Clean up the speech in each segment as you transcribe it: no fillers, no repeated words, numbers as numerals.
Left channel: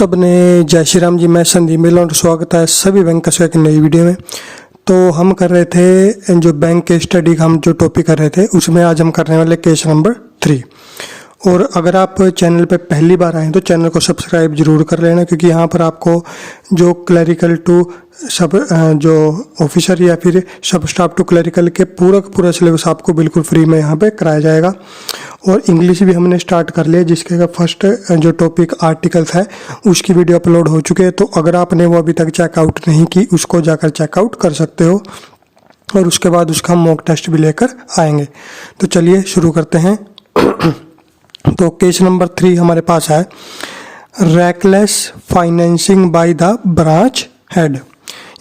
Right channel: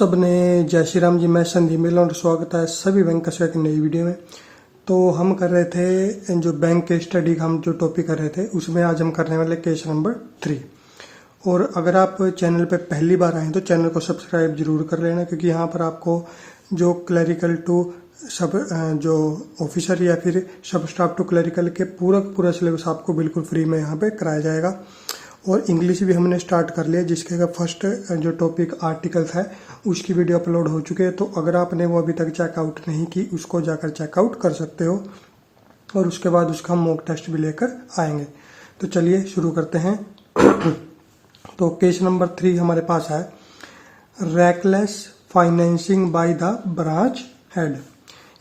सब ने जय श्री राम जी। मैं संदीप मिला और स्वागत है सभी बैंकर्स का एक नई वीडियो में। तो हम कर रहे थे जो बैंक के स्टडी का हम जो टॉपिक कर रहे थे उसमें आज हम करने वाले केस नंबर 3। और अगर आप चैनल पे पहली बार आए तो चैनल को सब्सक्राइब जरूर कर लेना, क्योंकि यहाँ पर आपको जो क्लरिकल टू सब जो ऑफिसर या फिर सब स्टाफ टू क्लरिकल के पूरा सिलेबस आपको बिल्कुल फ्री में यहाँ पे कराया जाएगा। और इंग्लिश भी हमने स्टार्ट कर लिया, जिसके का फर्स्ट जो टॉपिक आर्टिकल्स है उसकी वीडियो अपलोड हो चुके हैं। तो अगर आपने वो अभी तक चेकआउट नहीं की उसको जाकर चेकआउट कर सकते हो, और उसके बाद उसका हम मॉक टेस्ट भी लेकर आएंगे। तो चलिए शुरू करते हैं। तो केस नंबर 3 हमारे पास है reckless financing by the branch head,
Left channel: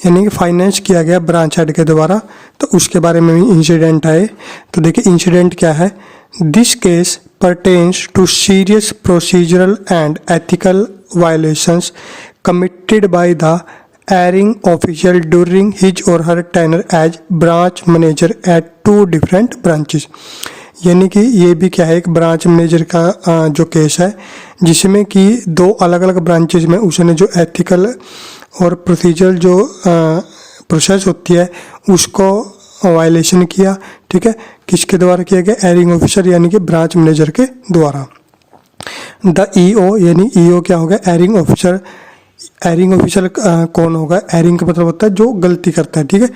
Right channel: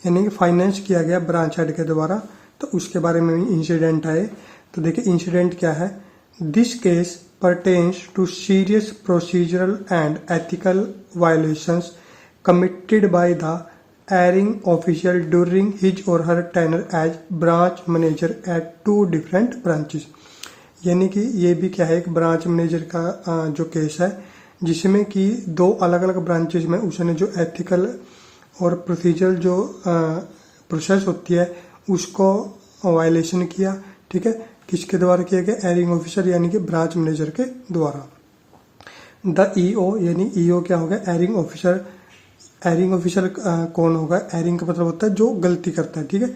यानी कि फाइनेंस किया गया ब्रांच हेड के द्वारा। तो उसके बारे में भी इंसिडेंट आए। तो देखिए इंसिडेंट क्या है। This case pertains to serious procedural and ethical violations committed by the erring official during his or her tenure as branch manager at 2 different branches। यानी कि ये भी क्या है, एक ब्रांच मैनेजर का जो केस है जिसमें कि 2 अलग अलग ब्रांचेज में उसने जो एथिकल और प्रोसीजरल जो प्रोसेस होती है उसको वायलेशन किया। ठीक है, किसके द्वारा किया गया? एरिंग ऑफिसर यानी कि ब्रांच मैनेजर के द्वारा। द ईओ यानी ईओ क्या होगा? एरिंग ऑफिसर। एरिंग ऑफिसर कौन होगा? एरिंग का मतलब होता है जो गलती करता है। ठीक है,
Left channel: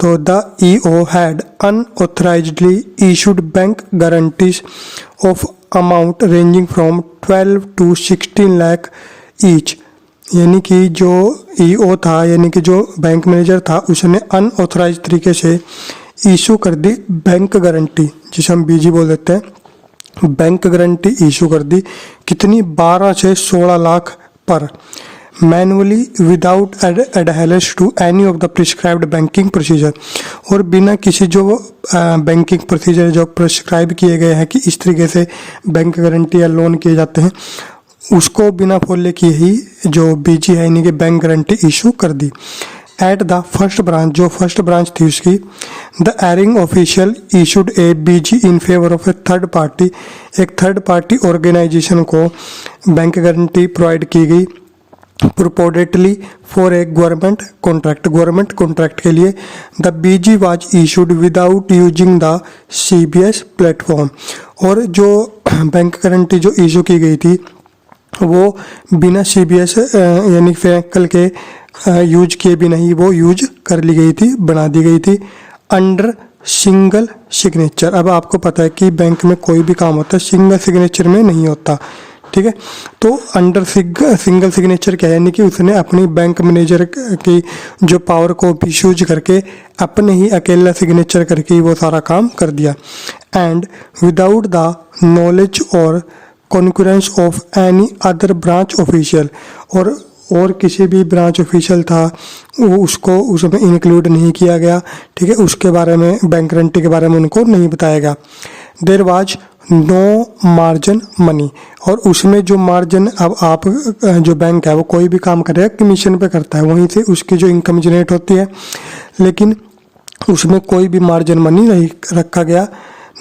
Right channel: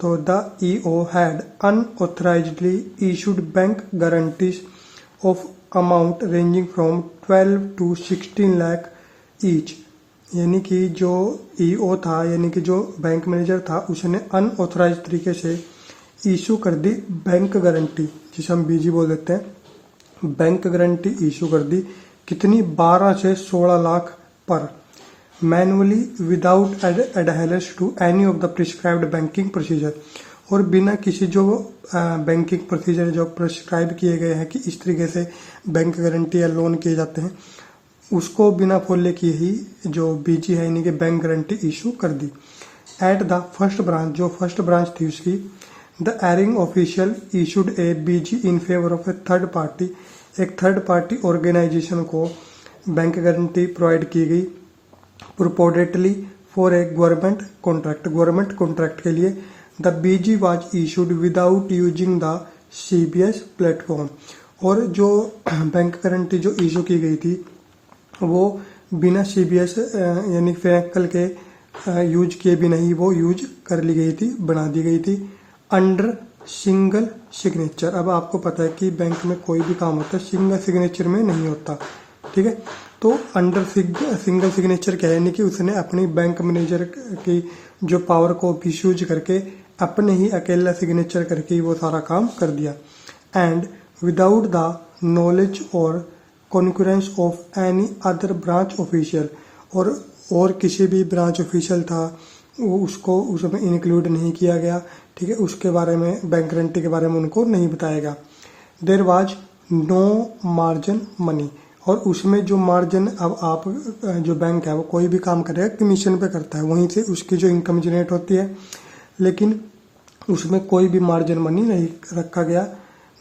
तो the EO had unauthorisedly issued bank guarantees of amount ranging from 12 to 16 lakh each. यानी कि जो ईओ था यानी कि जो बैंक मैनेजर था उसने अनऑथराइज तरीके से इशू कर दी बैंक गारंटी, जिसे हम बीजी बोल देते हैं। बैंक गारंटी इशू कर दी कितनी? 12 से 16 लाख पर, manually without adherence to any of the prescribed banking procedure. और बिना किसी जो बैंकिंग प्रोसीजर जो प्रिस्क्राइब किए गए हैं कि इस तरीके से बैंक गारंटी या लोन किए जाते हैं, उसको बिना फॉलो किए ही जो बीजी है यानी कि बैंक गारंटी इशू कर दी। एट द फर्स्ट ब्रांच, जो फर्स्ट ब्रांच थी उसकी, the erring official issued a BG in favour of a third party. एक थर्ड पार्टी ऑर्गेनाइजेशन को बैंक गारंटी प्रोवाइड की गई purportedly for a government contract के लिए। The BG was issued without using the CBS platform. और जो bank guarantee जो issue की गई थी वो बिना सीबीएस यानी फैकल के यूज किए भी नहीं, वो यूज कर ली गई थी, बना दी गई थी अंडर सिंगल सिग्नेचर। अब आपको पता है कि बैंक में कोई भी काम होता है सिंगल सिग्नेचर में नहीं होता। ठीक है, तो अंडर सिंगल सिग्नेचर क्या है? यानी कि उसने अपनी बैंक मैनेजर की जो पावर को यूज करके अपने ही अकेला सिग्नेचर करके ही वो सारा काम कर दिया। एंड विदाउट द नॉलेज और concurrence of any other branch official. और किसी भी ब्रांच ऑफिशियल था वो उसको उसमें इंक्लूड नहीं किया गया। ठीक है, उसके बारे में बैंक गारंटी के बारे में उनको नहीं बताया गया। There was no margin money. और उसमें जो मार्जिन, अब आप जो बैंक है वो कोई भी काम करेगा कमीशन पे करता है, वहीं से उसकी जो इनकम जनरेट होती है, लेकिन उसमें कोई भी मार्जिन मनी नहीं रखा गया।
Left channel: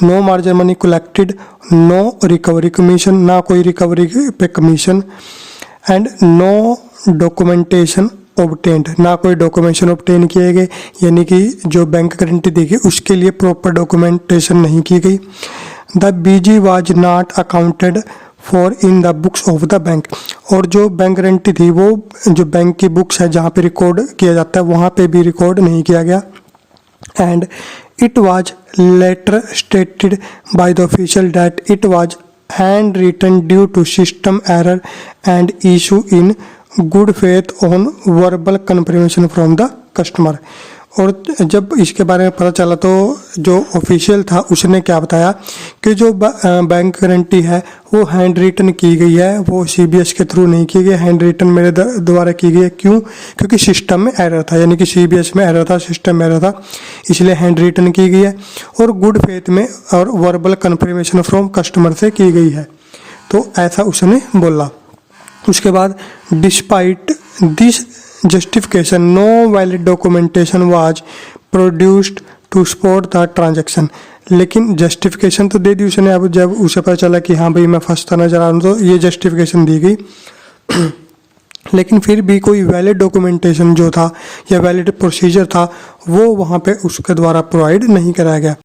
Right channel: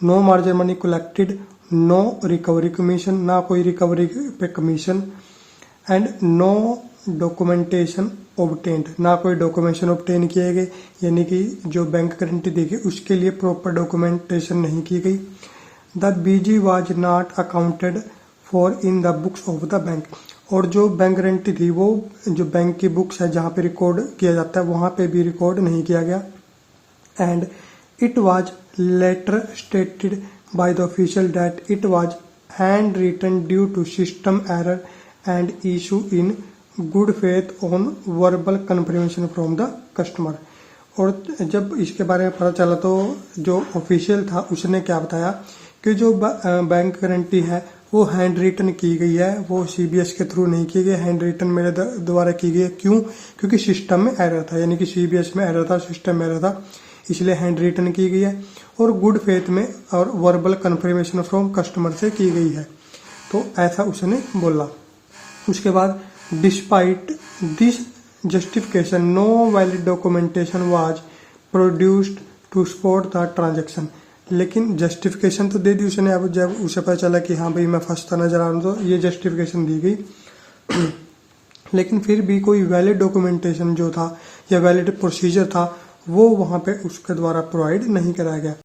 No margin money collected, no recovery commission, ना कोई रिकवरी पे commission. And no documentation obtained, ना कोई डॉक्यूमेंटेशन ऑब्टेन किए गए, यानी कि जो बैंक गारंटी दी गई उसके लिए प्रॉपर डॉक्यूमेंटेशन नहीं की गई। The BG was not accounted for in the books of the bank. और जो बैंक गारंटी थी वो जो बैंक की बुक्स है जहाँ पे रिकॉर्ड किया जाता है वहाँ पे भी रिकॉर्ड नहीं किया गया। And it was later stated by the official that it was hand written due to system error and issue in good faith on verbal confirmation from the customer. और जब इसके बारे में पता चला तो जो ऑफिशियल था उसने क्या बताया कि जो बैंक गारंटी है वो हैंड रिटन की गई है, वो सीबीएस के थ्रू नहीं की गई, हैंड रिटन मेरे द्वारा की गई है। क्यों? क्योंकि सिस्टम में एरर था, यानी कि सीबीएस में एरर था, सिस्टम में एरर था, इसलिए हैंड रिटन की गई है। और गुड फेथ में और वर्बल कन्फर्मेशन फ्रॉम कस्टमर से की गई है। तो ऐसा उसने बोला। उसके बाद despite this justification no valid documentation was produced to support the transaction। लेकिन जस्टिफिकेशन तो दे दी उसने। अब जब उसे पता चला कि हाँ भाई मैं फंसता नजर आ रहा हूँ तो ये जस्टिफिकेशन दी गई लेकिन फिर भी कोई वैलिड डॉक्यूमेंटेशन जो था या वैलिड प्रोसीजर था वो वहाँ पे उसके द्वारा प्रोवाइड नहीं कराया गया।